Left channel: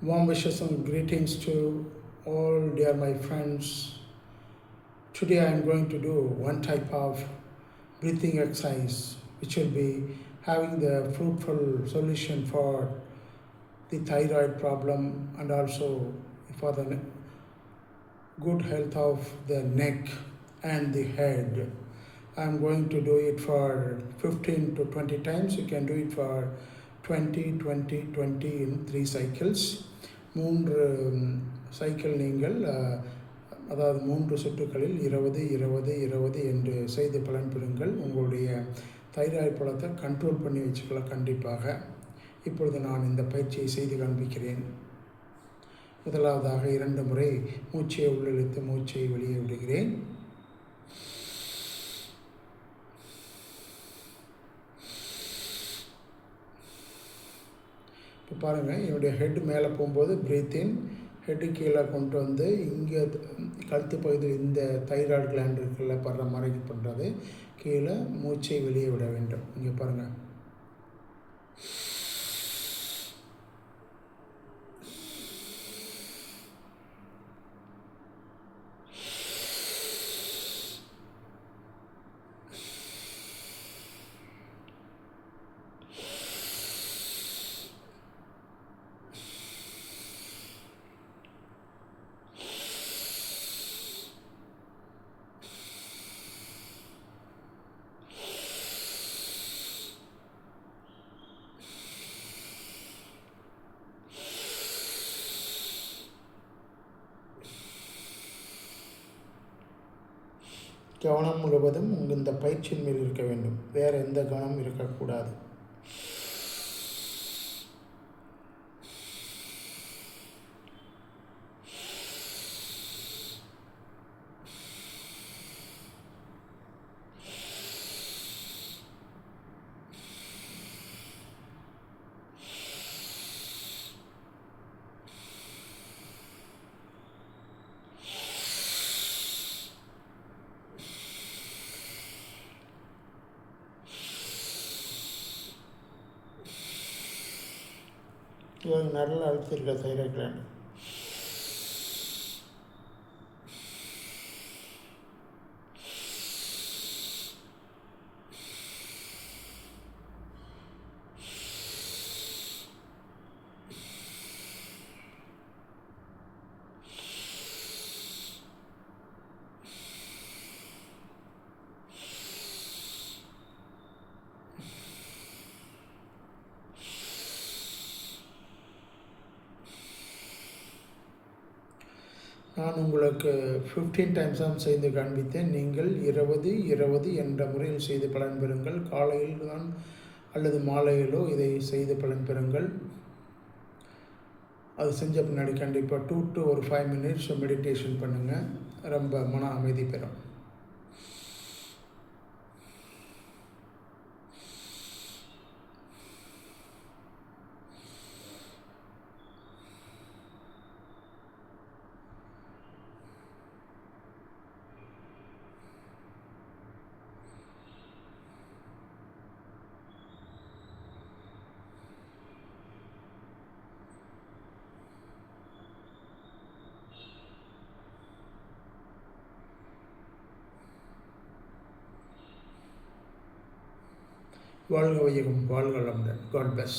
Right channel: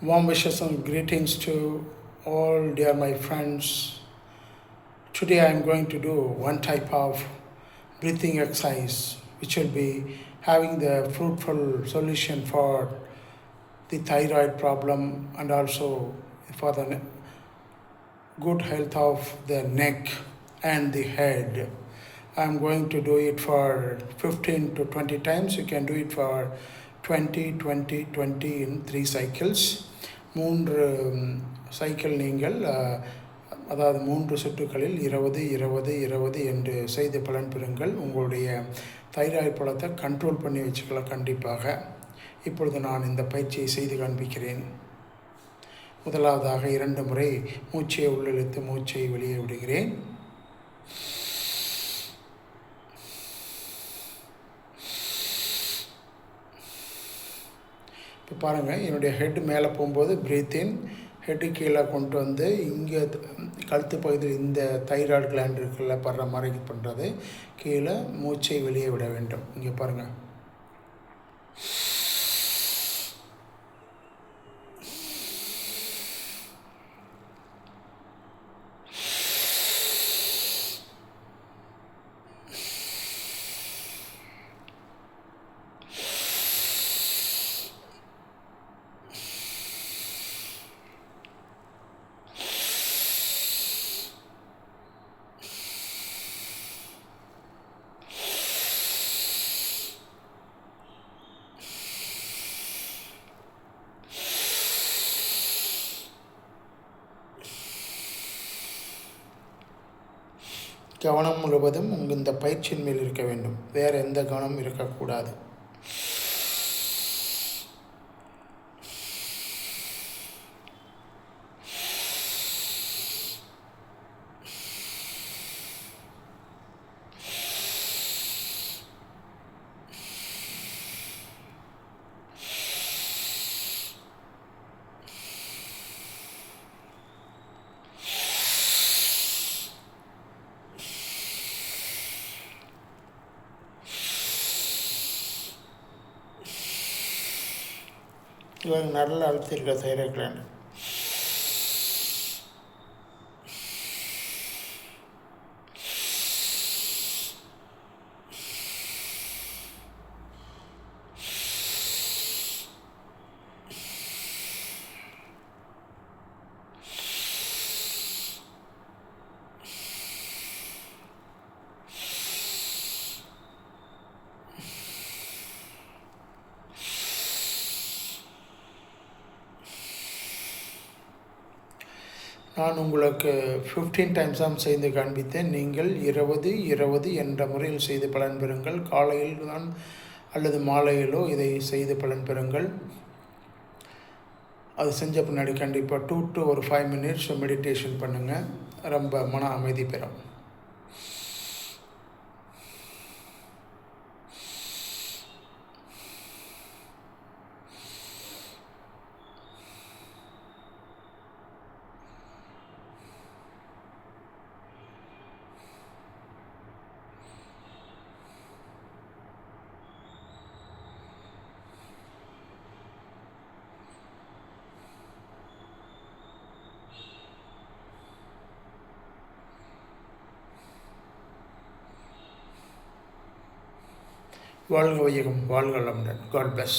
Warm wishes and greetings to all dear my friends. Today I am going to do one type of breathing exercise which will be having the fruitful solution for the thyroid problem and also for the good health of the neck and the head. I'm going to do it for 15 to 20 times. You can do it for 20, 20, 20 in 3 cycles. 3 cycle நீங்கள் அதாவது 3 சுற்றுகளில் 20 20 20 என்று செய்து பலன் பெறுங்கள். உங்களுடைய thyroid பழத்தை control பண்ணி வச்சுக்கலாம் கண்டிப்பாக. இப்பொழுது நான் இந்த பயிற்சியை செய்து காண்பிக்கிறேன். முதலாவதாக 2 முறை மூச்சை உள்ளிழுத்து மூச்சை வெளியே விடுகிறேன். இப்போ பாருங்கள், என்னுடைய ஹெட் மேலே போகும்போது ப்ரீத்தின், ஹெட்டு கீழே கொண்டு வந்து இங்கே கழுத்து பகுதியில் இந்த தைராய்டு கிளாண்ட் இருக்குல்ல படுற மாதிரி பண்ணுறது, கீழே மூச்சை வெளியே விட வேண்டும். இங்கே பாருங்கள், கவனம் முழுவதும் இந்த பயிற்சியின் மேல் இருக்க வேண்டும். வேறு எந்த கவனமும் இருக்கக்கூடாது. இவங்க நல்லா அழுத்திருக்க தைராய்டு கிளாண்ட். நான் உங்களுக்கு 15 டைம்ஸ் தான் செய்து காண்பித்தேன். நீங்கள் 20 20 என்ற முறையில் செய்து பலன் பெறுங்கள். காலையில் தான் அல்லது மாலையிலோ இதை செய்து பலன் பெறுங்கள். அது செஞ்ச பின்னாடி கண்டிப்பாக 2 to 5 minutes மெடிடேஷன் பண்ணுங்கள். ரொம்ப மன அமைதி பெறும். வாழ்க வையகம், வாழ்க வளமுடன். God bless.